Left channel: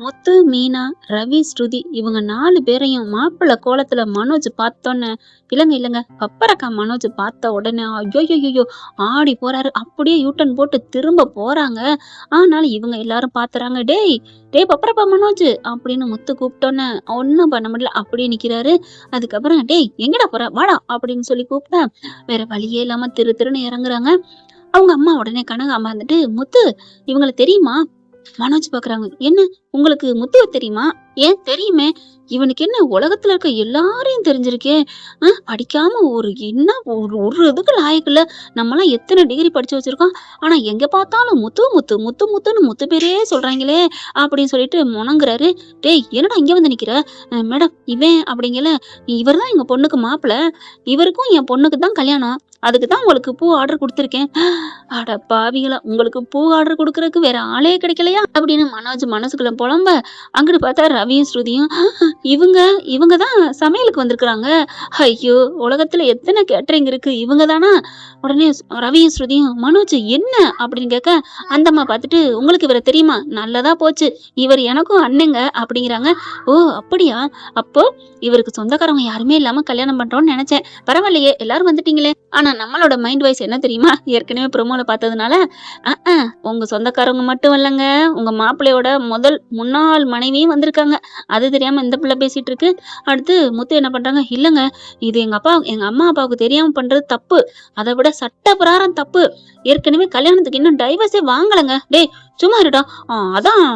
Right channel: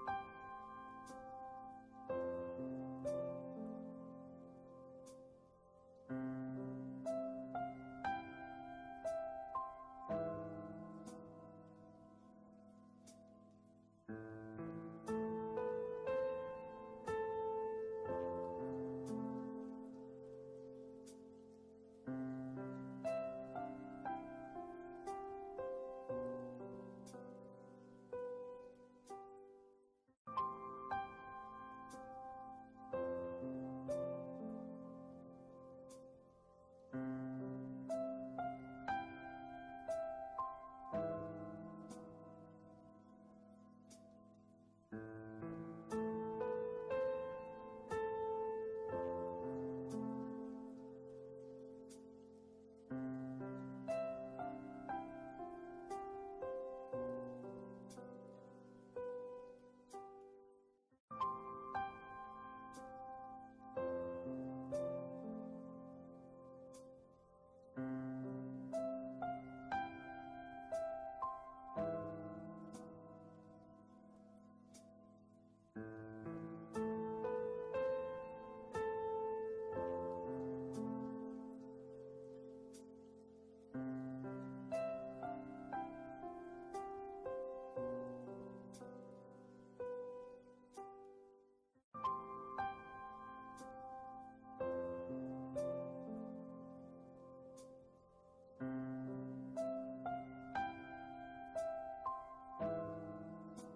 முத்து, மீனா, ரவி, ஸ்ருதி இவங்க 4 பேரையும் மாப்பிள்ளை கோலத்துல மனோஜ் பார்த்தோன்னே, இல்லங்க பப்பரக்கா மனோஜ் பார்த்த உடனே ஐயோய்யய்யோ ஆடி போறாரு. அப்படியே யூட்டர்ன் போட்டு திரும்ப போறாங்க. ஆனாலும் இவங்க எல்லாரும் பாத்துறாங்க. டேய் டேய் பப்பரப்பா மனோஜ் அப்படின்னு முத்து கூப்பிட்டோன்னே ஒன்னும் பண்ண முடியல. அப்படியே நிக்கிறாரு. அதுக்கப்புறம் டேய் எங்கடா போற வாடா அப்படின்னு சொல்லி கூப்பிட்டா வேற வழியே இல்லாம திருன்னு இறங்குறாங்க. அவங்க அம்மா உடனே கனகாம்மா வந்துட்டு, முத்து இவங்கள தெரியுமா? மனோஜ் பாக்குறாங்க. என்ன உங்களுக்கு முத்துவ தெரியுமா? ஏன் தெரியுமே. இவனுக்கு என்ன உலகத்துல இருக்க எல்லாரையும் தெரிஞ்சிருக்கே. படிக்காம என்ன ஒரு இதுக்கு லாயக்கில்ல. நம்மலாம் எத்தனை டிகிரி படிச்சு வச்சிருக்கோம். ஆனா எங்க பார்த்தாலும் முத்துன்னு முத்து பேரே சொல்றாங்களே அப்படின்னு சொல்லிட்டு முணங்குறாரு. டேய் என்னடா இங்க வந்து நிக்கிற? மேடம் இவன் அப்படிங்கல, இவர் தான் எங்க பொண்ணுக்கு மாப்பிள்ள. இவருக்கும் என் பொண்ணுக்கு தான் கல்யாணம். அதுக்கு தான் உங்களுக்கு பூ ஆர்டர் கொடுத்துருக்கேன். அட பாவிகளா, உங்களுக்கு பூ ஆர்டர் கொடுக்கறதுக்கு வேற ஆளே கிடைக்கலையா அப்படின்னு மனோஜ் மனசுக்குள்ள புலம்ப, அங்கிட்டு பார்த்தா ரவியும் ஸ்ருதியும் இவங்க தான் சமையலுக்கு வந்திருக்கிறாங்க. ஐயோ உலகத்துல எத்தனை கேட்டரிங் இருக்கு, இவங்க தானா? உடனே ரவியும் ஸ்ருதியும் மனோஜ் என்ன அப்படின்னு கேட்க, அந்த அம்மா பார்த்துட்டு உங்களுக்கு இவரை தெரியுமா? நல்லதா போச்சு, இவர் எனக்கும் அண்ணங்க அப்படிங்கிறாங்க. ஓ அப்படியா? அப்போ இவருக்கு சொந்தக்காரங்க யாருமே இல்லாம கல்யாணம் பண்றோம்னு நினைச்சேன். பரவாயில்லையே எல்லாரும் வந்துட்டீங்களே. ஆனா நம்மளோட மைண்ட் வாய்ஸ் என்ன தெரியுமா? ஏற்கனவே ப்ரோமோல பார்த்ததுனால, உங்க சொந்தக்காரங்க மட்டும் இல்லைங்க, உங்க மாப்பிள்ளையோட முன்னாள் மனைவியும் வந்திருக்காங்க. அது தெரியாம இந்த பிள்ளை பேசிட்டு இருக்கு. அடுத்து முத்து என்ன பண்றாங்க, இல்லங்க இது எங்க அம்மா அப்பாவுக்கு தெரியாம பண்றது தப்பு. அதை விட சட்ட பிரகாரம் தப்பு. ஏற்கனவே கல்யாணத்துக்கு இன்னும் டைவர்ஸே வாங்கலங்க. டேய் சும்மா இருடா. அதான்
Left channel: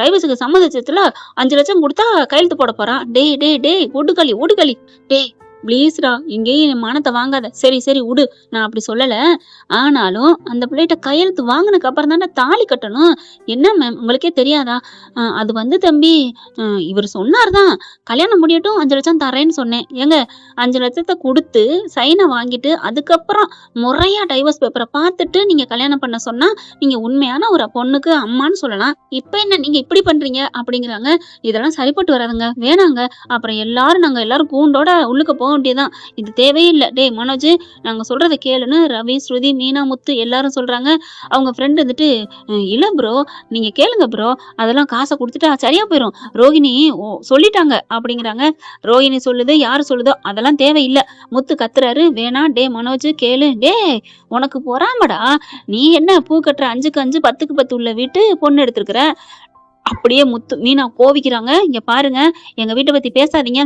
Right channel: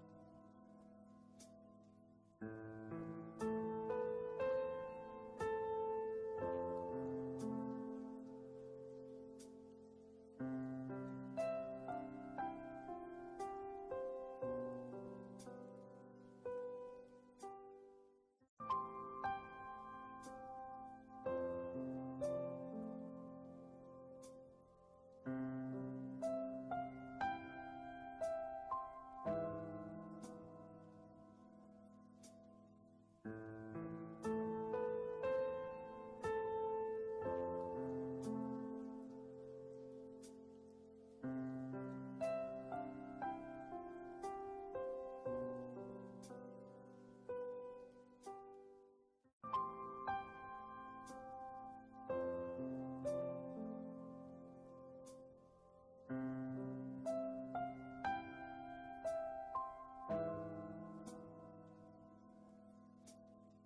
டைவர்ஸுக்கு சம்மதிச்சதுல 5 லட்சம் கொடுத்தா கையெழுத்து போட போறான். டேய் டேய் டேய் ஒடுகளி டேய் ப்ளீஸ்டா இங்கேயும் என் மானத்தை வாங்காத. சரி விடு, நான் அப்படி சொல்லல. ஆனாலும் அந்த பிள்ளைகிட்ட கையெழுத்து வாங்கினதுக்கு அப்புறம் தானே தாலி கட்டணும். என்ன மேம் உங்களுக்கே தெரியாதா? அது வந்து தம்பி, இவர் சொன்னார்தான் கல்யாணம் முடியட்டும் 5 லட்சம் தரேன்னு சொன்னேன். ஏங்க 5 லட்சத்தை கொடுத்து சைனை வாங்கிட்டு அதுக்கப்புறம் முறையா டைவர்ஸ் பேப்பரை பார்த்துட்டு நீங்க கல்யாணம் பண்ண சொன்னா நீங்க உண்மையான ஒரு பொண்ணுக்கு அம்மான்னு சொல்லலாம். இப்ப என்ன நீங்க இப்படி பண்றீங்க அப்படிங்கிறாங்க. இதெல்லாம் சரிப்பட்டு வராதுங்க, வேணாங்க. அப்புறம் நாங்க எல்லாரும் கூண்டோட உள்ளுக்கு போக வேண்டியதான். இது தேவையே இல்லை. டேய் மனோஜ் நாங்க சொல்றதை கேளுன்னு ரவி, ஸ்ருதி, மீனா, முத்து எல்லாரும் சொல்றாங்க. அவங்க ஃப்ரெண்ட் வந்துட்டு, இல்ல ப்ரோ நீங்க கேளுங்க ப்ரோ, அதெல்லாம் காசை கொடுத்துட்டா சரியா போயிடும். ரோகிணி சொல்லிட்டாங்க அப்படிங்கிறாங்க. ரோகிணி சொல்லுது, யாரு சொல்லுதோ அதெல்லாம் தேவையில்லை. முத்து கத்துறாரு. வேணா டே மனோஜ் கேளு. டே உனக்கு பொறாமடா. நீ என்ன பூ கட்டுற 5க்கு 5 10க்கு 10 உள்ள வீட்டு பொண்ணு எடுத்திருக்கிற. அப்படியே மீனா கோவிக்கிறாங்க. இங்க பாருங்க, எங்க வீட்டை பத்தி பேசாதீங்க.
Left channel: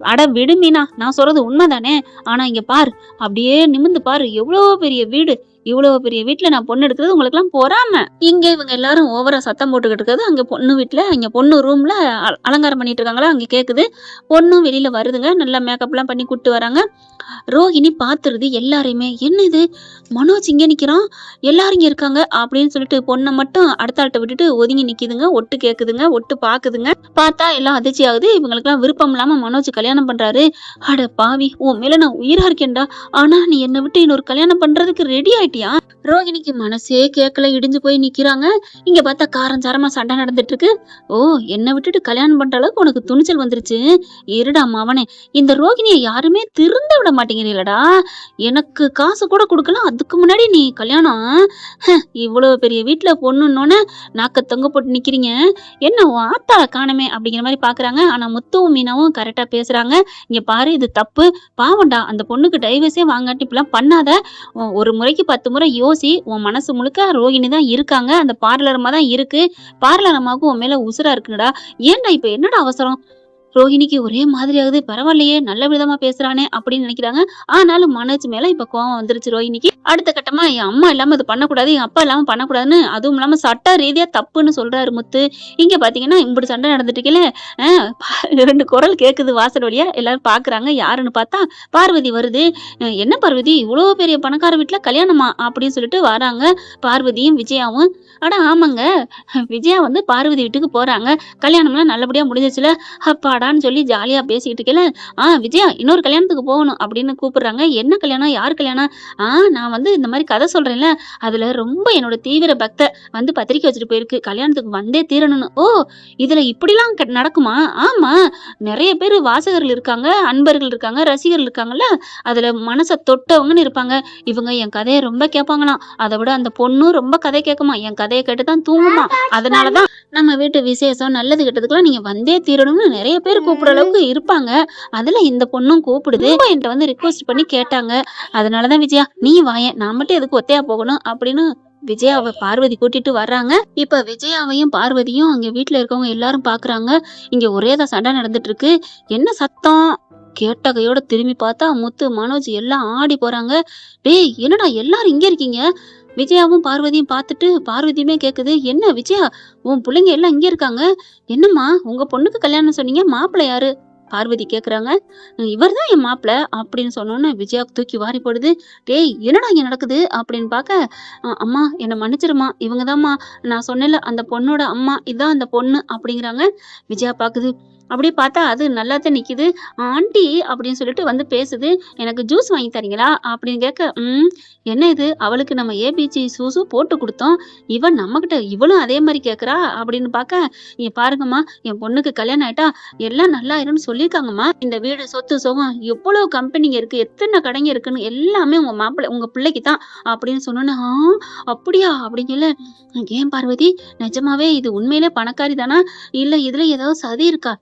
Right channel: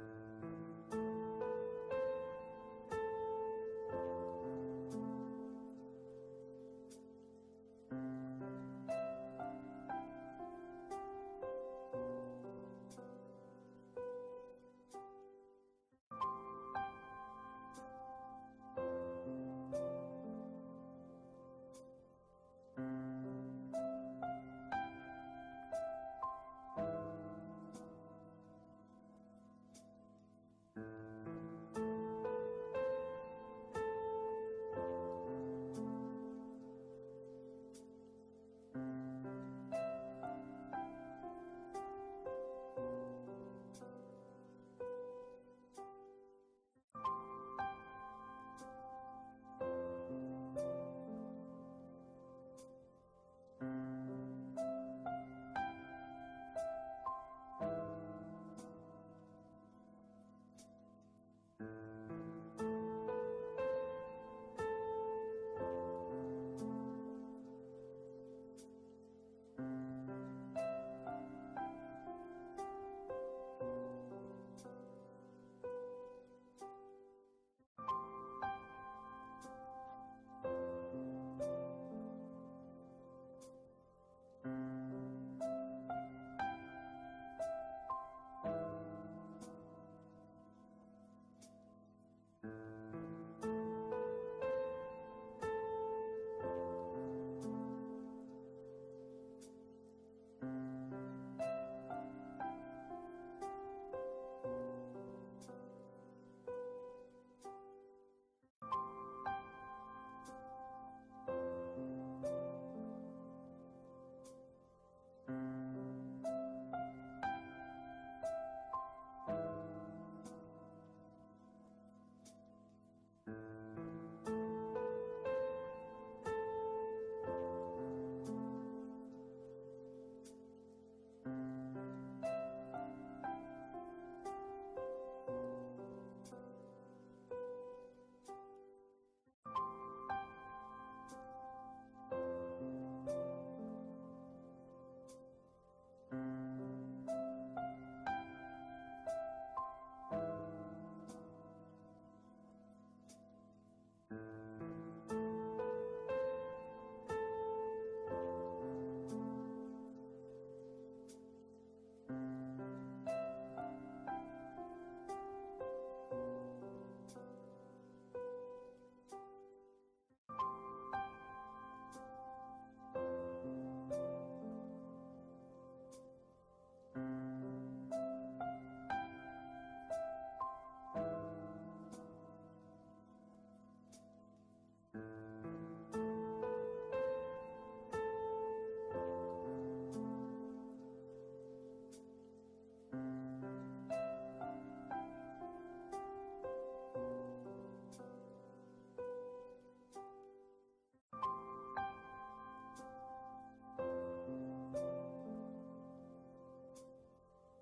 அட விடு மீனா, நான் சொல்றது உண்மைதானே. ஆனா இங்க பாரு, அப்படியே நிமிந்து பாரு, எவ்வளவு பெரிய வீடு. இவ்வளவு பெரிய வீட்டுல நான் பொண்ணு எடுக்கிறது உங்களுக்கு எல்லாம் பொறாம. இங்க இவங்க எல்லாரும் ஓவரா சத்தம் போட்டுக்கிட்டு இருக்கிறது அங்க பொண்ணு வீட்டுல, இங்க பொண்ணு ரூம்ல அலங்காரம் பண்ணிட்டு இருக்காங்களா, அங்க கேக்குது. பொண்ணும் வெளியில வருதுங்க, நல்லா மேக்கப் எல்லாம் பண்ணி கூட்டு வராங்க. ரோகிணி பாத்துருது எல்லாரையுமே. என்ன இது மனோஜ் இங்க நிக்கிறான், எல்லாரும் இங்க இருக்காங்க அப்படின்னு சொல்லிட்டு பொண்ணை மட்டும் அடுத்த ஆள்கிட்ட விட்டுட்டு ஒதுங்கி நிக்குதுங்க. ஒட்டு கேக்குதுங்க, ஒட்டு பாக்குதுங்க. பார்த்தா எல்லாம் அதிர்ச்சி ஆகுது. இவங்களுக்கு எல்லாம் விருப்பம் இல்லாம மனோஜ் கல்யாணம் பண்றாரு. அட பாவி, உன் மேல நான் உயிரா இருக்கேன்டா. ஆனா நீ என்னை விட்டு இன்னொரு கல்யாணம் பண்றதுக்கு ரெடி ஆயிட்டியா? ரோகிணிக்கு மனசே கேட்கல, இடிஞ்சு போய் நிக்கிறாங்க. இங்க பார்த்தா காரஞ்சாரமா சண்டை நடந்துட்டு இருக்கு. ஓ என்னை விட்டுட்டு கல்யாணம் பண்ற அளவுக்கு உனக்கு துணிச்சல் வந்துருச்சு. இருடா மவனே, இந்த ரோகிணியை யாருமே திருந்த விட மாட்டேங்கிறீங்களடா. எனக்கு காசு கூட கொடுக்கலாம், அதுக்கு முன்னாடி நீ கல்யாணம். இவ்வளவு பெரிய வீட்டுல பொண்ணுன்னோன்னு நாக்க தொங்க போட்டு நிக்கிறீங்க. என்ன ஆத்தா காணமே அப்படிங்கிற மாதிரி பாக்குறாங்க. ஆனா முத்துவும் மீனாவும் கரெக்டா பேசுறாங்க. இங்க பாரு இது தப்பு, பாவண்டா. அந்த பொண்ணுக்கு டைவர்ஸே வாங்காட்டி இப்பெல்லாம் பண்ணாத. ஒரு முறைக்கு 10 முறை யோசி. உன் மனசு முழுக்க ரோகிணி தான் இருக்காங்க. அந்த பார்லர் அம்மா தான் இருக்கு. பார்லர் அம்மாவுக்கு உன் மேல உசுரா இருக்குடா. ஏன்டா இப்ப என்னடா அவசரம்? ரோகிணிக்கு ஒரே மாதிரி ஆகுது. பரவாயில்லையே, நல்ல விதமா பேசுறானே அப்படின்னு நினைக்கிறாங்க. ஆனாலும் மனோஜ் மேல இப்ப கோவம் வந்துருச்சு ரோகிணிக்கு. அடுத்த கட்டமா என் அம்மா இல்லாம இது பண்ணக்கூடாது, என் அப்பா இல்லாம பண்ணக்கூடாதுன்னு, அதுவும் இல்லாம சட்ட ரீதியா தப்புன்னு சொல்றாரு முத்து. இங்க பாத்தீங்கன்னா இப்படி சண்டை நடந்துட்டு இருக்கல. 2 குரல் கேக்குது வாசல் வழியா. எல்லாரும் பாக்குறாங்க. யாருன்னு பார்த்தா பார்வதி வருது. என்ன பார்வதி, இவ்வளவு பெரிய பணக்கார வீட்டுல கல்யாணமா அப்படின்னு சொல்லிட்டு வராங்க பார்வதியும் விஜயாவும். அட ஆமாங்க, விஜயா வந்து பார்வதி வீட்டுக்கு போறாங்க. கல்யாணம்லாம் நல்லபடியா முடிஞ்சிச்சுல, அப்பா சொல்லி ஜாலியா பேசிக்கிட்டு இருக்கல. விஜயா இன்னொரு கல்யாணத்துக்கு போகணும் அப்படின்னு கூப்பிடுறாங்க. என்ன கல்யாணம், யார் கல்யாணம்? நான் வந்து இந்த மாதிரி கதை சொல்றேன்ல, அதுல ரொம்ப என்னோட தீவிர பக்த வந்து பத்திரிக்கை வச்சுட்டு போயிருக்கு, கல்யாணத்துக்கு வந்தே தீரணும்னு. ஓ இதுல இப்படிலாம் நடக்குமா? ஆமா, நிறைய பேர் வாசகர்கள் இருக்காங்க, அன்பர்கள் இருக்காங்க, ரசிகர்கள் இருக்காங்கல்ல, அதுல மனசை தொட்டவங்கன்னு இருப்பாங்க. இவங்க என் கதையை ரொம்ப கேட்பாங்களாம். அதை விட அந்த பொண்ணும் ரொம்ப கதை கேட்குமா, என் கதை கதையை கேட்டு தான் தூங்குமா. அதனாலதான் நம்ம வீட்டு விசேஷம் நல்லது கெட்டதுக்கெல்லாம் நீங்க வந்தே தீரணும்னு நிறைய பேர் கூப்பிடுற அளவுக்கு இருப்பாங்க. அதுல இந்த பொண்ணும் கூப்பிடுது. ரொம்ப என்கிட்ட வந்து ரிக்வெஸ்ட் பண்ணி கேட்டாங்க. அதனாலதான் விஜயா நீ வாயேன், நான் மட்டும் எதுக்கு ஒத்தையா போகணும் அப்படின்னு விஜயாவை பார்வதி கூட்டிட்டு வர்றாங்க. இப்ப விஜயாவையும் பார்வதியும் அங்க வீட்டுல இருக்கவங்க எல்லாரும் பாக்குறாங்க. இங்க ஒரேதான் சண்டை நடந்துட்டு இருக்கு. என்ன சத்தம் கேட்ட கையோட திரும்பி பார்த்தா முத்து மனோஜ் எல்லாம் ஆடி போறாங்க. டேய் என்னடா எல்லாரும் இங்க இருக்கீங்க? விஜயாவும் பார்வதியும் பார்த்துட்டு பார்வதியுமே கேக்குது, என்ன விஜயா உன் பிள்ளைங்க எல்லாம் இங்க இருக்காங்க? என்னம்மா உங்க பொண்ணுக்கு கல்யாணம் சொன்னீங்க, மாப்பிள்ளை யாரு? பார்வதி கேக்குறாங்க. இவர்தான் என் மாப்பிள்ள அப்படின்னு சொன்னோன்னு விஜயாவுக்கு தூக்கி வாரி போடுது. டேய் என்னடா இங்க நடக்குது அப்படின்னு பார்க்க, அம்மா என்னை மன்னிச்சிருமா, இவங்கதாம்மா நான் சொன்னேன்ல அந்த பொண்ணோட அம்மா, இதான் அந்த பொண்ணு அப்படிங்கிறாங்க. விஜயா பாக்குது. அப்படியே பார்த்தா அது நல்லாதான் நிக்குது. ஆண்டி அப்படின்னு சொல்லிட்டு வந்து பேசுது. எனக்கு ஜூஸ் வாங்கி தரீங்களா அப்படின்னு கேட்க, என்ன இது அவளுக்கு நம்ம ஏபிசி ஜூஸு போட்டு கொடுத்தோம், இவன் நம்மகிட்ட இவளும் அதே மாதிரி கேக்குறா அப்படின்னு பார்க்க, நீங்க பாருங்கம்மா என் பொண்ணுக்கு கல்யாணம் ஆயிட்டா எல்லாம் நல்லா ஆயிரும்னு சொல்லியிருக்காங்கம்மா. இந்த வீடு சொத்து சுகம் எவ்வளவு கம்பெனிங்க இருக்கு, எத்தனை கடைங்க இருக்குன்னு எல்லாமே உங்க மாப்பிள்ளை உங்க பிள்ளைக்கு தான் அப்படின்னு சொன்னோன்னு, அப்படியா அப்படிங்கல. ஏன் பார்வதி நிஜமாவே இது உண்மையிலே பணக்காரி தானா, இல்ல இதுல ஏதாவது சதி இருக்கா?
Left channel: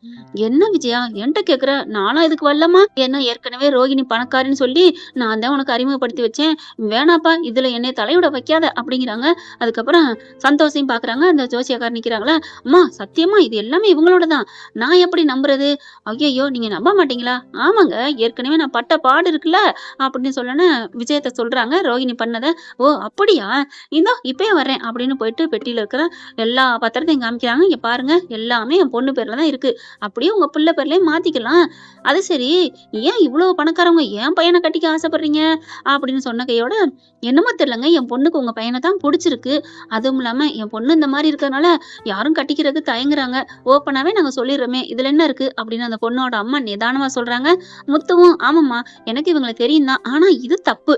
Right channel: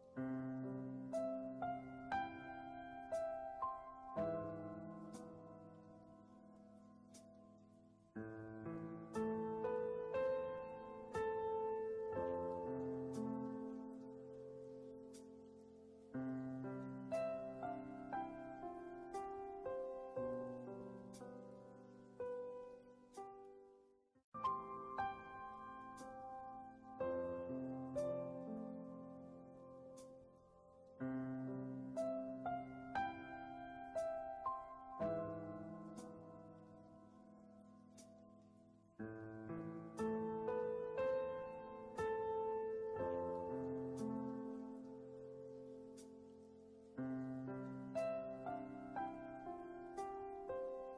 என்ன விஜயா என்கிட்ட கேக்குற, நானும் இதுக்கு வரலமா. என்ன ஏற்கனவே ரோகிணி பணக்காரின்னு சொல்லி நான் தான் உனக்கு அறிமுகப்படுத்தி வச்சேன், வேணாப்பா இதுல என்னை தலையிட வைக்காத அப்படிங்கிறாங்க. அதுக்கப்புறம் சந்தோஷையும் பாக்குறாங்க. அந்த ஜோசியக்காரர் நிக்கிறாங்களா, அம்மா சத்தியமா இது எல்லாமே இவங்களோட தான், நான் எப்படி நம்புறது? ஐயோ நீங்க நம்ப மாட்டீங்களா? ஆமாங்க ஏற்கனவே நான் பட்ட பாடு இருக்குல்ல அப்படின்னு சொல்லன்னு விஜயத்தை சொல்றாங்க ரோகிணி பண்ணத. ஓ அப்படியா, இதோ இப்பயே வர்றேன் அப்படின்னு போயிட்டு பெட்டியில இருக்கிற எல்லா பத்திரத்தையும் காமிக்கிறாங்க. இங்க பாருங்க எல்லாமே என் பொண்ணு பேர்ல தான் இருக்கு, அப்படியே உங்க பிள்ளை பேர்லயே மாத்திக்கலாம். அது சரி ஏன் இவ்வளவு பணக்காரவங்க என் பையனை கட்டிக்க ஆசைப்படுறீங்க அப்படின்னு சொன்ன கையோட, என்னமோ தெரியலங்க என் பொண்ணுக்கு உங்க பையனை தான் பிடிச்சிருக்கு, அதுவும் இல்லாம என் பொண்ணு இந்த மாதிரி இருக்கறனால யாரும் கட்டிக்கிறதுக்கு தயங்குறாங்க, ஓப்பனாவே நாங்க சொல்லிடுறோமே இதுல என்ன இருக்கு அப்படின்னு அந்த பொண்ணோட அம்மா நிதானமா சொல்றாங்க. முத்துவும் ஆமாம்மா எனக்கு இவங்களை தெரியும் தான், ஆனா இது தப்பு,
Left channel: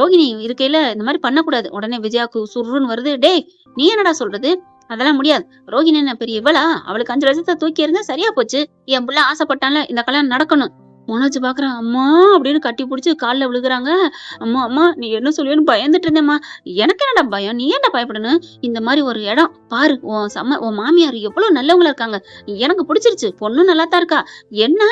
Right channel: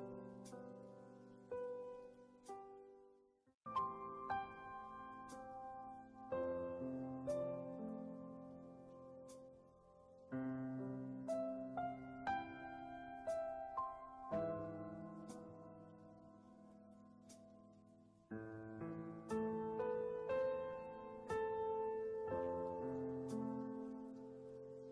ரோகிணி இருக்கையில இந்த மாதிரி பண்ணக்கூடாது. உடனே விஜயாக்கு சுருன்னு வருது. டேய் நீ என்னடா சொல்றது, அதெல்லாம் முடியாது, ரோகிணி என்ன பெரிய இவளா, அவளுக்கு 5 லட்சத்தை தூக்கி இருந்தா சரியா போச்சு, என் புள்ள ஆசைப்பட்டான்ல இந்த கல்யாணம் நடக்கணும். மனோஜ் பாக்குறான். அம்மா அப்படின்னு கட்டி பிடிச்சி காலில் விழுகுறாங்க. அம்மா அம்மா நீ என்ன சொல்லுவேன்னு பயந்துட்டு இருந்தேம்மா. எனக்கு என்னடா பயம், நீ ஏன்டா பயப்படணும்? இந்த மாதிரி ஒரு இடம் பாரு, உன் மாமியார் எவ்வளவு நல்லவங்களா இருக்காங்க, எனக்கு பிடிச்சிருச்சு, பொண்ணும் நல்லா தான் இருக்கா, என்ன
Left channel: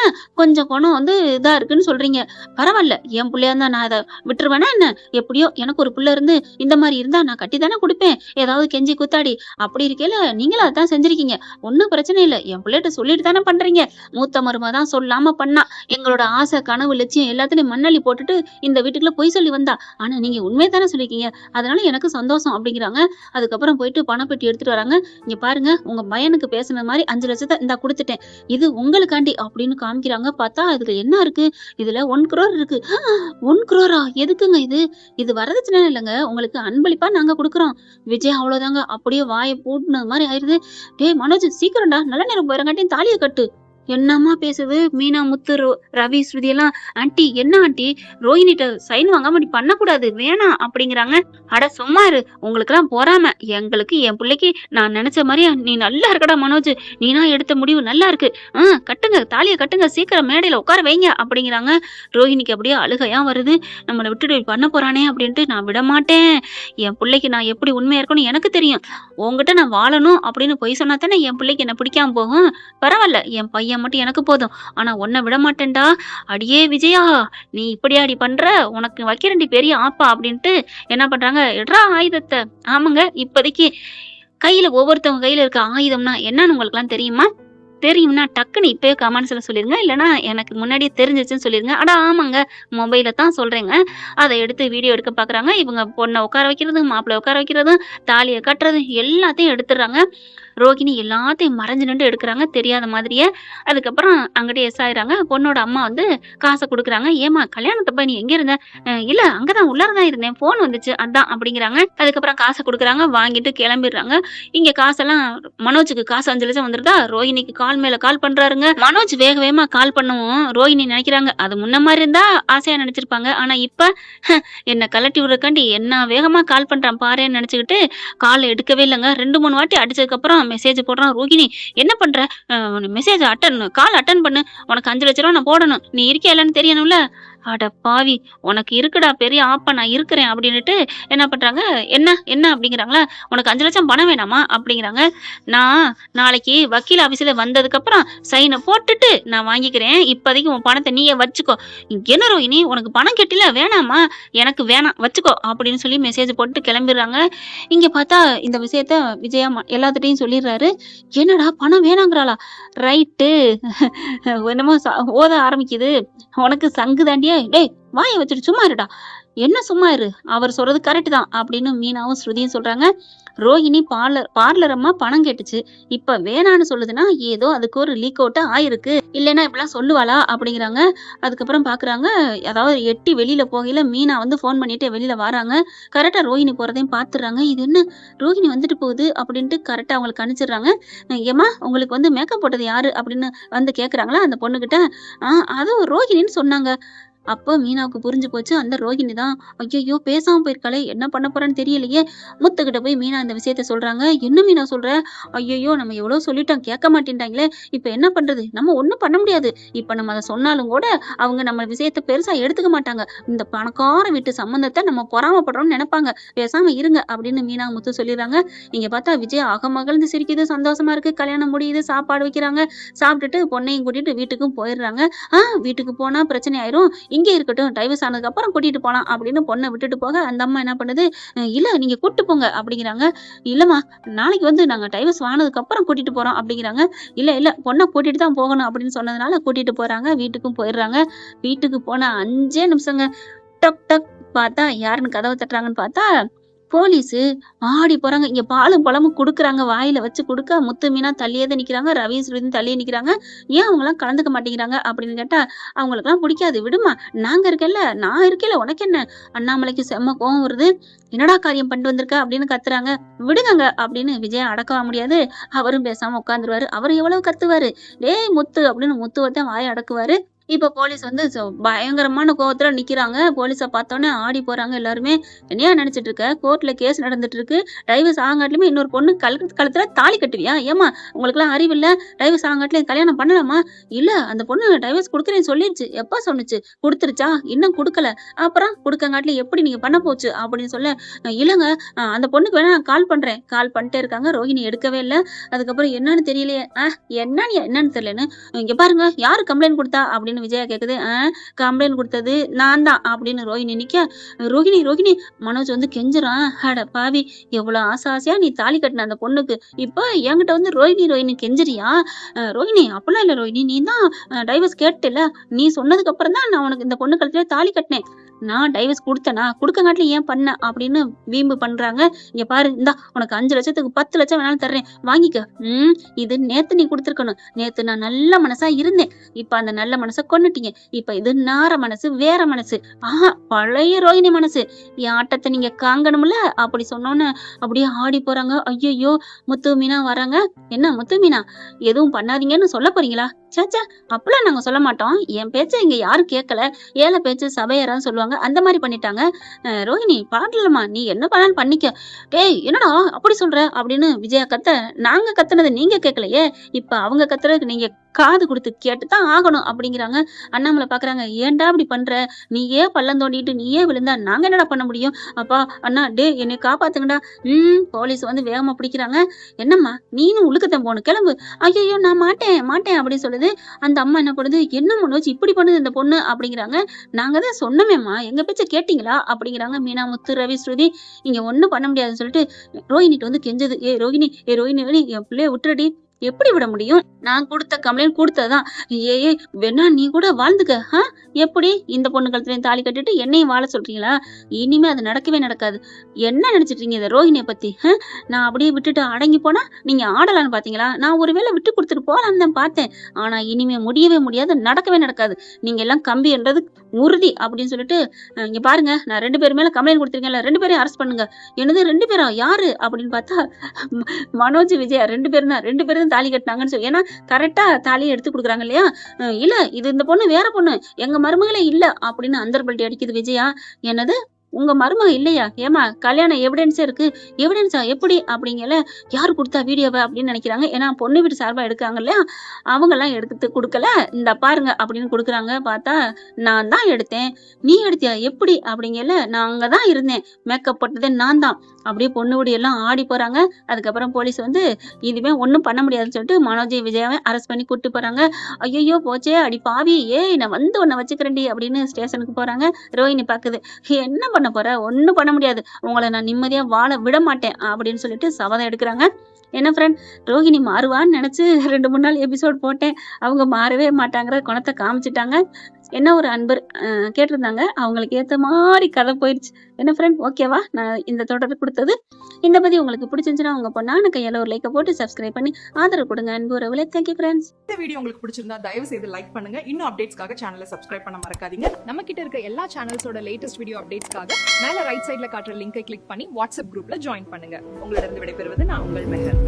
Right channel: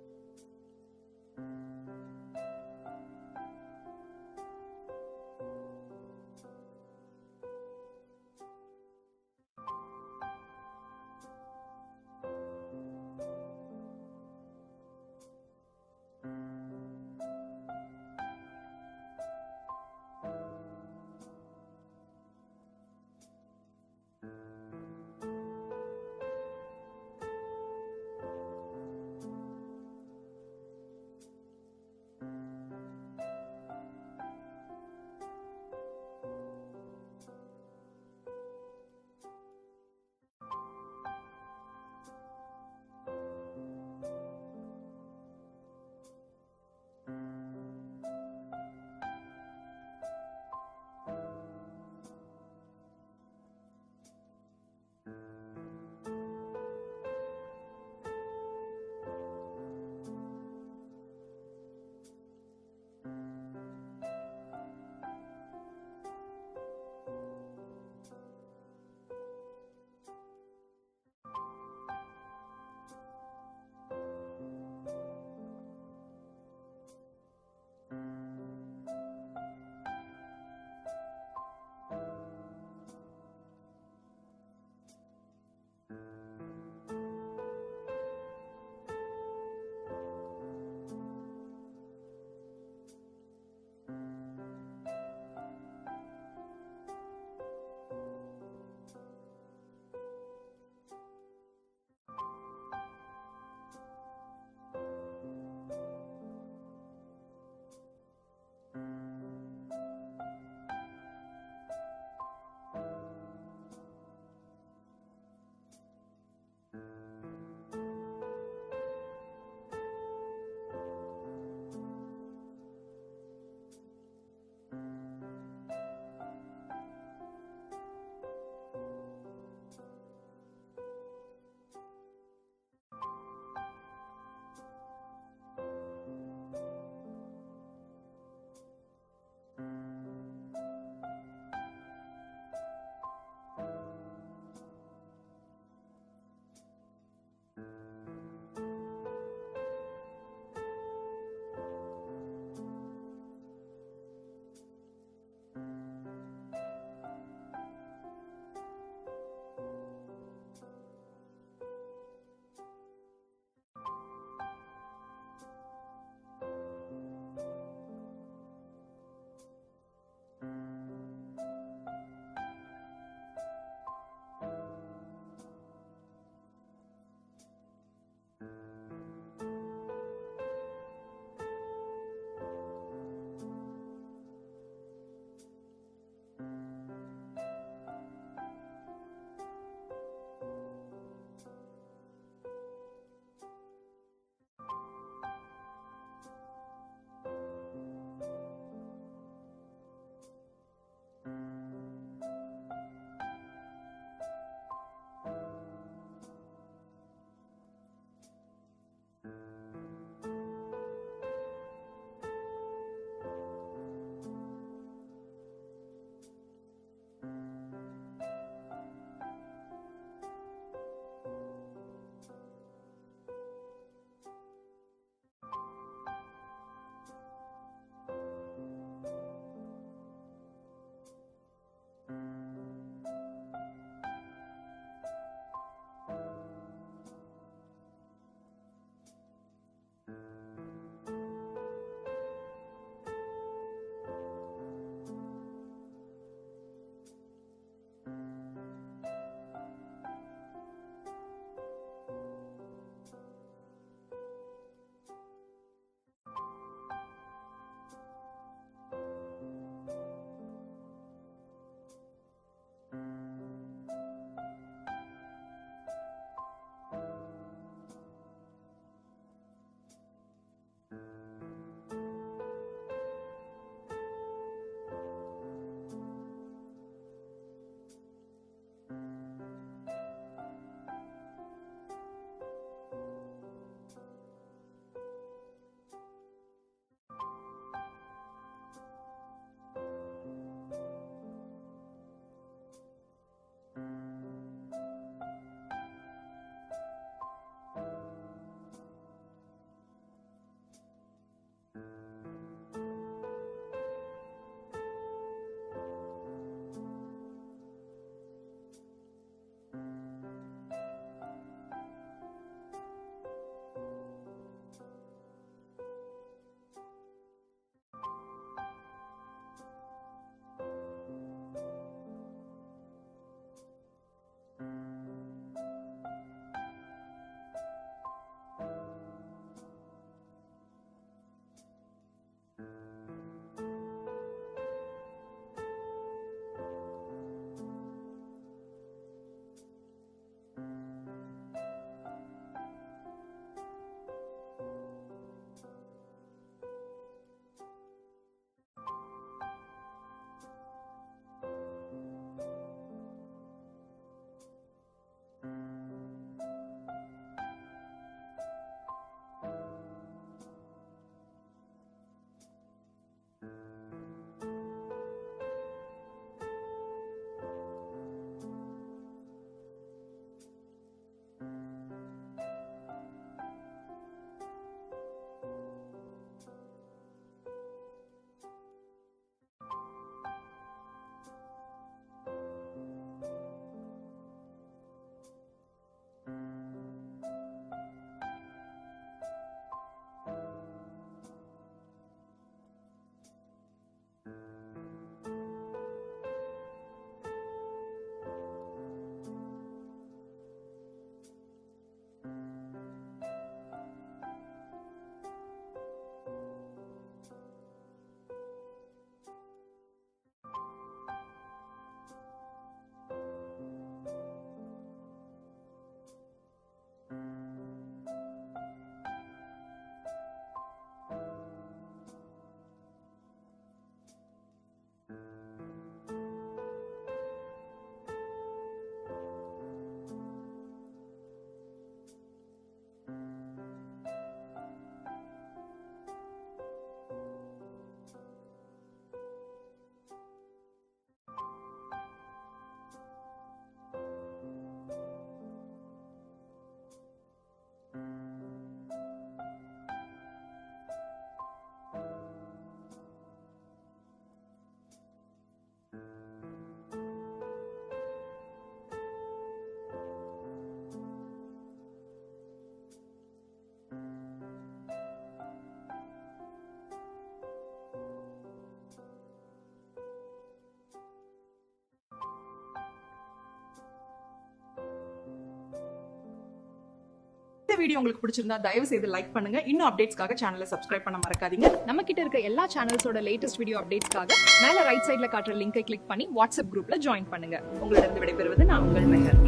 கொஞ்சம் குணம் வந்து இதா இருக்குன்னு சொல்றீங்க, பரவாயில்ல என் பிள்ளையா இருந்தா நான் அதை விட்டுருவேனா என்ன? எப்படியோ எனக்கு ஒரு பிள்ளை இருந்து இந்த மாதிரி இருந்தா நான் கட்டி தானே கொடுப்பேன், ஏதாவது கெஞ்சி குத்தாடி. அப்படி இருக்கையில நீங்களும் அதான் செஞ்சிருக்கீங்க, ஒன்னும் பிரச்சனை இல்லை, என் பிள்ளைகிட்ட சொல்லிட்டு தானே பண்றீங்க. மூத்த மருமக தான் சொல்லாம பண்ணா, எங்களோட ஆசை கனவு லட்சியம் எல்லாத்துலயும் மண்ணள்ளி போட்டுட்டு இந்த வீட்டுக்குள்ள பொய் சொல்லி வந்தா, ஆனா நீங்க உண்மையை தானே சொல்லிருக்கீங்க, அதனால எனக்கு சந்தோஷம் அப்படிங்கிறாங்க. அதுக்கப்புறம் போயிட்டு பணப்பெட்டி எடுத்துட்டு வராங்க. இங்க பாருங்க உங்க பையனுக்கு பேசுன மாதிரி 5 லட்சத்தை இந்தா கொடுத்துட்டேன், இது உங்களுக்காண்டி அப்படின்னு காமிக்கிறாங்க. பார்த்தா இதுல என்ன இருக்கு, இதுல 1 crore இருக்கு. 1 crore எதுக்குங்க இது? இது வரதட்சணை இல்லைங்க, உங்களுக்கு அன்பளிப்பா நாங்க கொடுக்குறோம். விஜய் அவ்வளவுதாங்க அப்படியே வாயை பூட்டினது மாதிரி ஆயிருது. டேய் மனோஜ் சீக்கிரம்டா, நல்ல நேரம் போயிடங்காட்டியும் தாலியை கட்டு. என்னம்மா பேசுது மீனா, முத்து, ரவி, ஸ்ருதி எல்லாம். ஆண்டி என்ன ஆண்டி, ரோஹினிட்ட சைன் வாங்காம நீ பண்ணக்கூடாது, வேணாம் அப்படிங்கிறாங்க. அட சும்மா இரு, உங்களுக்கு எல்லாம் பொறாம, எங்களுக்கு என் பிள்ளைக்கு நான் நினைச்ச மாதிரியா நீ நல்லா இருக்கடா மனோஜ், நீனா எடுத்த முடிவு நல்லா இருக்கு, கட்டுங்க தாலியை கட்டுங்க, சீக்கிரம் மேடையில உட்கார வைங்க அப்படிங்கிறாங்க. ரோஹினிக்கு அப்படியே அழுகையா வருது. நம்மளை விட்டுட்டு பண்ண போறானே அப்படின்ட்டு, நான் விட மாட்டேன், என் பிள்ளைக்கு நான் எப்படி உண்மையா இருக்கணும் எனக்கு தெரியும், உங்ககிட்ட நான் வாழணும் அப்படின்னு பொய் சொன்னா தானே என் பிள்ளைக்கு என்ன பிடிக்காம போகும். பரவாயில்ல என் பையன் மட்டும் எனக்கு போதும், ஆனா உன்னை விட மாட்டேன்டா. அடியே விஜயா நீ இப்படியாடி பண்ற, உனக்கு வைக்கிறண்டி பெரிய ஆப்பா அப்படின்ட்டு என்ன பண்றாங்க, எட்ரா ஆயுதத்தை. ஆமாங்க இப்போதைக்கு கையில ஒவ்வொருத்தவங்க கையில இருக்க ஆயுதம்னா என்னன்னு உங்களுக்கு எல்லாம் தெரியுமா? தெரியும்னா டக்குன்னு இப்பயே கமெண்ட்ஸ்ல சொல்லிருங்க, இல்லைன்னா எனக்கு முன்னாடியே தெரிஞ்சிச்சுன்னு சொல்லிருங்க. அட ஆமாங்க மொபைல தான் சொல்றேங்க. அதை எடுத்து வீடியோ எடுக்க பாக்குறாங்க. இவங்க பொண்ணை உட்கார வைக்கிறது, மாப்பிள்ளை உட்கார வைக்கிறது, தாலியை கட்டுறது எல்லாத்தையும் எடுத்துடுறாங்க. ரோகிணி எல்லாத்தையும் மறைஞ்சு நின்று எடுக்கிறாங்க தெரியாத மாதிரியே. அதுக்கப்புறம் அங்கிட்டே எஸ் ஆயிடுறாங்க. பொண்ணோட அம்மா வந்து காசை கொடுக்குறாங்க. ஏமா கல்யாணத்தப்ப நீ எங்க இருந்த? இல்ல அங்கதான் உள்ளாரதான் இருந்தேன், போன் வந்துச்சு அதான் அப்படிங்கிறாங்க. அதுக்கப்புறம் காசை கொடுக்குறாங்க, வாங்கிட்டு கிளம்பிடுறாங்க. இங்க காசெல்லாம் மனோஜுக்கு காசு 5 லட்சம் வந்துருதா. ரோஹிணிக்கு கால் மேல கால் பண்றாருங்க. மனோஜ் வேக வேகமா கால் பண்ணவும் ரோஹிணி நினைக்கிறாங்க அது முன்ன மாதிரி இருந்தா ஆசையா நினைச்சிருப்பாங்க, ஆனா இப்ப என்ன கலட்டி விடுறக்காண்டி என்ன வேகமா கால் பண்றான் பாருன்னு நினைச்சுக்கிட்டு காலை எடுக்கவே இல்லைங்க. 2 3 வாட்டி அடிச்சதுக்கு அப்புறம் மெசேஜ் போடுறான். ரோகிணி என்ன பண்ற? மெசேஜ் கால் அட்டன் பண்ணு. உனக்கு 5,00,000 நான் போடணும். நீ இருக்கியா இல்லன்னு தெரியணும்ல. அட பாவி! உனக்கு இருக்குடா பெரிய ஆப்பா, நான் இருக்கிறேன் அப்படின்னுட்டு என்ன பண்றாங்க, என்ன என்ன அப்படிங்கிறாங்களா, உனக்கு 5,00,000 பணம் வேணாமா அப்படிங்கிறாங்க. நான் நாளைக்கு வக்கீல் ஆபீஸ்ல வந்ததுக்கப்புறம் சைன போட்டுட்டு நான் வாங்கிக்கிறேன். இப்போதைக்கு உன் பணத்தை நீயே வச்சுக்கோ. என்ன ரோஹிணி உனக்கு பணம் கெட்டில வேணாமா? எனக்கு வேணாம் வச்சுக்கோ அப்படின்னு சொல்லி மெசேஜ் போட்டு கிளம்பிடுறாங்க. இங்க பார்த்தா இந்த விஷயத்த விஜயா எல்லாத்துட்டையும் சொல்லிடுறாரு. என்னடா பணம் வேணாங்கிறாளா? ரைட்டு. என்னமோ ஓத ஆரம்பிக்குது. உனக்கு சங்கு தாண்டியே டேய் வாயை வச்சுட்டு சும்மா இருடா. என்ன சும்மா இரு, அவர் சொல்றது கரெக்ட் தான் அப்படின்னு மீனாவும் ஸ்ருதியும் சொல்றாங்க. ரோஹிணி பார்லர் அம்மா பணம் கேட்டுச்சு, இப்ப வேணான்னு சொல்லுதுன்னா ஏதோ அதுக்கு ஒரு லீக் அவுட் ஆயிருக்கு, இல்லைன்னா இப்பெல்லாம் சொல்லுவாளா அப்படிங்கிறாங்க. அதுக்கப்புறம் பாக்குறாங்க, அதாவது எட்டி வெளியில போகையில மீனா வந்து போன் பண்ணிட்டு வெளியில வராங்க. கரெக்டா ரோஹிணி போறதையும் பாத்துறாங்க. இது என்ன ரோஹிணி வந்துட்டு போகுது அப்படின்ட்டு கரெக்டா அவங்களுக்கு அனுப்பிச்சிடுறாங்க. ஏமா உங்களுக்கு வந்து மேக்கப் போட்டது யாரு அப்படின்னு வந்து கேக்குறாங்களா அந்த பொண்ணுகிட்ட. அதுவும் ரோஹிணின்னு சொன்னாங்க. அப்போ மீனாவுக்கு புரிஞ்சு போச்சு, அந்த ரோஹிணி தான். ஐயையோ பேசாம போயிருக்காளே, என்ன பண்ண போறான்னு தெரியலையே. முத்துக்கிட்ட போய் மீனா இந்த விஷயத்த சொல்றாங்க. என்ன மீனா சொல்ற? ஐயையோ நம்ம எவ்வளவு சொல்லிட்டோம் கேட்க மாட்டேன்ட்டாங்களே, இப்ப என்ன பண்றது? நம்ம ஒண்ணும் பண்ண முடியாது. இப்ப நம்ம அதை சொன்னாலும் கூட அவங்க நம்ம விஷயத்த பெருசா எடுத்துக்க மாட்டாங்க. இந்த பணக்கார வீட்டு சம்பந்தத்தை நம்ம பொறாமப்படுறோம்னு நினைப்பாங்க. பேசாம இருங்க அப்படின்னு மீனா முத்து சொல்லிடுறாங்க. இங்க பார்த்தா விஜய் அகமகிழ்ந்து சிரிக்குது, சந்தோஷமா இருக்கு. கல்யாணம் முடியுது, சாப்பாடு வைக்கிறாங்க. சாப்பிட்டுட்டு பொண்ணையும் கூட்டிட்டு வீட்டுக்கும் போயிடுறாங்க. வீட்டுக்கு போனா பிரச்சனை ஆயிரும், இங்கே இருக்கட்டும், டைவர்ஸ் ஆனதுக்கு அப்புறம் கூட்டிட்டு போலாம் அப்படின்னு பொண்ணை விட்டுட்டு போக அந்த அம்மா என்ன பண்ணுது, இல்ல நீங்க கூட்டு போங்க அப்படிங்கிறாங்க. இல்லம்மா நாளைக்கு வந்து நாங்க டைவர்ஸ் ஆனதுக்கு அப்புறம் கூட்டிட்டு போறோம் அப்படிங்கிறாங்க. இல்ல இல்ல பொண்ணை கூட்டிட்டு தான் போகணும் அப்படின்னு சொன்னதுனால கூட்டிட்டு போறாங்க. வீட்டுக்கும் போயிடுறாங்க. வீட்டுக்கு போன 5 நிமிஷங்க டக் டக் பார்த்தா யாருன்னு கதவை தட்டுறாங்கன்னு பார்த்தா போலீஸு. ஆடி போறாங்க. இங்க பாலும் பழமும் குடுக்குறாங்க. வாயில வச்சு குடுக்க முத்து மீனா தள்ளியே தான் நிக்கிறாங்க. ரவி ஸ்ருதியும் தள்ளியே நிக்கிறாங்க. ஏன் அவங்கலாம் கலந்துக்க மாட்டேங்கிறாங்க அப்படின்னு கேட்டா, அவங்களுக்கெல்லாம் பிடிக்காது. விடுமா நான் இருக்கேன்ல, நான் இருக்கேன்ல உனக்கு என்ன? அண்ணாமலைக்கு செம்ம கோவம் வருது. என்னடா காரியம் பண்ணிட்டு வந்திருக்க அப்படின்னு கத்துறாங்க. விடுங்கங்க அப்படின்னு விஜயா அடக்கவா முடியாது. அவரும் பேசாம உட்காந்துருவாரு. அவர் எவ்வளவு கத்துவாரு. டேய் முத்து அப்படின்னு முத்துவத்தான் வாயை அடக்குவாரு. இப்ப போலீஸ் வந்து பயங்கரமான கோவத்துல நிக்கிறாங்க. போலீஸ பார்த்தோன்னே ஆடி போறாங்க எல்லாருமே. என்னையா நினைச்சிட்டு இருக்க? கோர்ட்ல கேஸ் நடந்துட்டு இருக்கு. டைவர்ஸ் ஆகாட்டிலுமே இன்னொரு பொண்ணு கழுத்துல தாலி கட்டுவியா? ஏமா உங்களுக்குலாம் அறிவில்ல? டைவர்ஸ் ஆகாட்டிலும் கல்யாணம் பண்ணலாமா? இல்ல அந்த பொண்ணு டைவர்ஸ் குடுக்குறேன்னு சொல்லிருச்சு. எப்ப சொன்னுச்சு? குடுத்துருச்சா? இன்னும் குடுக்கல. அப்புறம் குடுக்கங்காட்டிலும் எப்படி நீங்க பண்ண போச்சு அப்படின்னு சொல்ல, இல்லங்க அந்த பொண்ணுக்கு வேணா நான் கால் பண்றேன். கால் பண்ணிட்டே இருக்காங்க. ரோஹிணி எடுக்கவே இல்ல. அதுக்கப்புறம் என்னன்னு தெரியலையே. என்னன்னு தெரியலன்னு, இங்க பாருங்க யாரு கம்ப்ளைண்ட் கொடுத்தா அப்படின்னு விஜயா கேக்குது. கம்ப்ளைண்ட் கொடுத்தது நான் தான் அப்படின்னு ரோஹிணி நிக்க, ரோஹிணி ரோஹிணி மனோஜ் வந்து கெஞ்சுறான். அட பாவி, எவ்வளவு ஆசையா நீ தாலி கட்டின அந்த பொண்ணுக்கு, இப்ப என்கிட்ட வந்து ரோஹிணி ரோஹிணி கெஞ்சுறியா? ரோஹிணி அப்படிலாம் இல்ல ரோஹிணி, நீ தான் டைவர்ஸ் கேட்டல, நீ சொன்னதுக்கு அப்புறம் தான் நான் உனக்கு இந்த பொண்ணு கழுத்துல தாலி கட்டினேன். நான் டைவர்ஸ் குடுத்தேனா? குடுக்கங்காட்டிலும் ஏன் பண்ண அப்படின்னு வீம்பு பண்றாங்க. இங்க பாரு, இந்தா உனக்கு 5 லட்சத்துக்கு 10 லட்சம் வேணாலும் தர்றேன், வாங்கிக்க. இது நேத்து நீ குடுத்துருக்கணும். நேத்து நான் நல்ல மனசா இருந்தேன். இப்ப அந்த நல்ல மனசை கொன்னுட்டீங்க. இப்ப இது நார மனசு, வேற மனசு. பழைய ரோஹிணி மனசு. என் ஆட்டத்தை நீங்க காங்கணும்ல அப்படி சொன்னோன்னு அப்படியே ஆடி போறாங்க. ஐயையோ முத்து மீனா வராங்க. என்ன முத்து மீனா எதுவும் பண்ணாதீங்கன்னு சொல்ல போறீங்களா? சேச்சே அப்பெல்லாம் நாங்க சொல்ல மாட்டோம். என் பேச்சை இங்க யாரும் கேட்கல. ஏழை பேச்சு சபையறான்னு சொல்லுவாங்க. அந்த மாதிரி பண்ணிட்டாங்க. ரோஹிணி பாடலமா, நீ என்ன பண்ணாலும் பண்ணிக்க. டேய் என்னடா அப்படி சொல்ற அப்படின்னு விஜயா கத்த, நாங்க கத்துனது நீங்க கேட்கலையே, இப்ப அவங்க கத்துறதுக்கு நீங்க காது கொடுத்து கேட்டுதான் ஆகணும் அப்படிங்கிறாங்க. அண்ணாமலை பாக்குறாங்க. ஏன்டா அப்படி பண்ற? நீயே பள்ளம் தோண்டிட்டு நீயே விழுந்தா நாங்க என்னடா பண்ண முடியும்? அப்பா அண்ணா டே என்னை காப்பாத்துங்கடா. போலீஸ் வந்து வேகமா பிடிக்கிறாங்க. என்னம்மா நீனும் உழுக்கத்தான் போகணும், கிளம்பு. ஐயோ நான் மாட்டேன் மாட்டேன் அப்படின்னு சொல்லுது. அந்த அம்மா என்ன பண்ணுது, என்ன மனோஜ் இப்படி பண்ணுது இந்த பொண்ணு அப்படிங்கிறாங்க. நாங்க தான் சொன்னமேம்மா, எங்க பேச்ச கேட்டீங்களா அப்படிங்கிறாங்க மீனா முத்து ரவி ஸ்ருதி. இங்க ஒண்ணும் பண்ண முடியாதுன்னு சொல்லிட்டு ரோஹிணிட்டு வந்து கெஞ்சது. ஏ ரோஹிணி என் பிள்ளைய விட்டுறடி. எப்படி விட முடியும்? நான் கொடுத்த கம்ப்ளைண்ட் கொடுத்ததுதான். ஏய் வேணா நீ கூட வாழ்ந்துக்க. எப்படி இந்த பொண்ணு கழுத்துலயும் தாலி கட்டிட்டு என்னையும் வாழ சொல்றீங்களா? இனிமே அது நடக்கவே நடக்காது. என்ன நினைச்சிட்டு இருக்கீங்க இந்த ரோஹிணிய பத்தி? நான் அப்படியே விட்டுட்டு அடங்கி போனா நீங்க ஆடலான்னு பாத்தீங்களா? நான் ஒருவேளை விட்டு கொடுத்துட்டு போலான்னு தான் பார்த்தேன். ஆனா இனிமே முடியவே முடியாது, நடக்கவே நடக்காது. நீங்க எல்லாம் கம்பி என்றது உறுதி அப்படின்னு சொல்லிட்டு, இங்க பாருங்க நான் 2 பேர் மேல கம்ப்ளைண்ட் கொடுத்திருக்கேன்ல, 2 பேரையும் அரெஸ்ட் பண்ணுங்க. என்னது 2 பேரா? யாரு அப்படின்னு பார்த்தா மனோஜ் விஜயா 2 பேரும் தான். 2 பேரும் தாலி கட்டினாங்கன்னு சொல்லி, ஏன்னா கரெக்டா தாலியை எடுத்து கொடுக்குறாங்க இல்லையா? இல்ல இது இந்த பொண்ணு வேற பொண்ணு, எங்க மருமகளே இல்ல அப்படின்னு அந்தர்பல்ட்டி அடிக்குது விஜயா. என்னது உங்க மருமக இல்லையா? ஏம்மா கல்யாண எவிடன்ஸே இருக்கு. எவிடன்ஸா எப்படி? அப்படிங்கல. யாரு குடுத்தா வீடியோவ? அப்படின்னு நெனைக்கிறாங்க. ஏன்னா பொண்ணு வீட்டு சார்பா எடுக்காங்க இல்லையா? அவங்கலாம் எடுத்து குடுக்கல. இந்தா பாருங்க அப்படின்னு குடுக்குறாங்க. பார்த்தா, நான் தான் எடுத்தேன். நீ எடுத்தியா? எப்படி? அப்படிங்கல. நான் அங்க தான் இருந்தேன். மேக்கப் போட்டதே நான் தான். அப்படியே பொண்ணு வீடு எல்லாம் ஆடி போறாங்க. அதுக்கப்புறம் போலீஸ் வந்து இதுவே ஒண்ணும் பண்ண முடியாதுன்னு சொல்லிட்டு மனோஜையும் விஜயாவையும் அரெஸ்ட் பண்ணி கூட்டிட்டு போறாங்க. ஐயய்யோ! போச்சே! அடி பாவி! ஏய் நான் வந்து உன்ன வச்சுக்கிறேன்டி அப்படின்னு ஸ்டேஷனுக்கு போறாங்க. ரோஹிணி பாக்குது. என்ன பண்ண போற? ஒண்ணும் பண்ண முடியாது. உங்கள நான் நிம்மதியா வாழ விட மாட்டேன் அப்படின்னு சொல்லிட்டு சபதம் எடுக்குறாங்க. என்ன ஃப்ரெண்ட் ரோஹிணி மாறுவான்னு நெனச்சு 2, 3 நாள் எபிசோட் போட்டேன். அவங்க மாறவே மாட்டாங்கிற குணத்த காமிச்சுட்டாங்க. என்ன ஒரு அன்பர் கேட்டிருந்தாங்க. அவங்களுக்கு ஏத்த மாரி கதை போயிருச்சு. என்ன ஃப்ரெண்ட் ஓகேவா? நான் இந்த தொடர் குடுத்தது. இந்த பதிவு உங்களுக்கு பிடிச்சிருந்துச்சுன்னா, உங்க பொண்ணான கையால ஒரு லைக்க போட்டு சப்ஸ்கிரைப் பண்ணி ஆதரவு குடுங்க. அன்பு உறவுகளே. Thank you friends. இந்த வீடியோ உங்களுக்கு பிடிச்சிருந்தா தயவு செய்து லைக் பண்ணுங்க. இன்னும் அப்டேட்ஸ்க்காக சேனலை சப்ஸ்கிரைப் பண்ண மறக்காதீங்க. நம்ம கிட்ட இருக்க எல்லா சேனல்ஸோட லேட்டஸ்ட் வீடியோ அப்டேட்ஸ்க்காக மேல ரைட் சைடுல காட்டுற லிங்கை கிளிக் பண்ணி வாட்ஸ்அப் குரூப்ல ஜாயின் பண்ணுங்க. உங்களிடம் விடைபெறுவது நான் உங்கள் மெஹர்.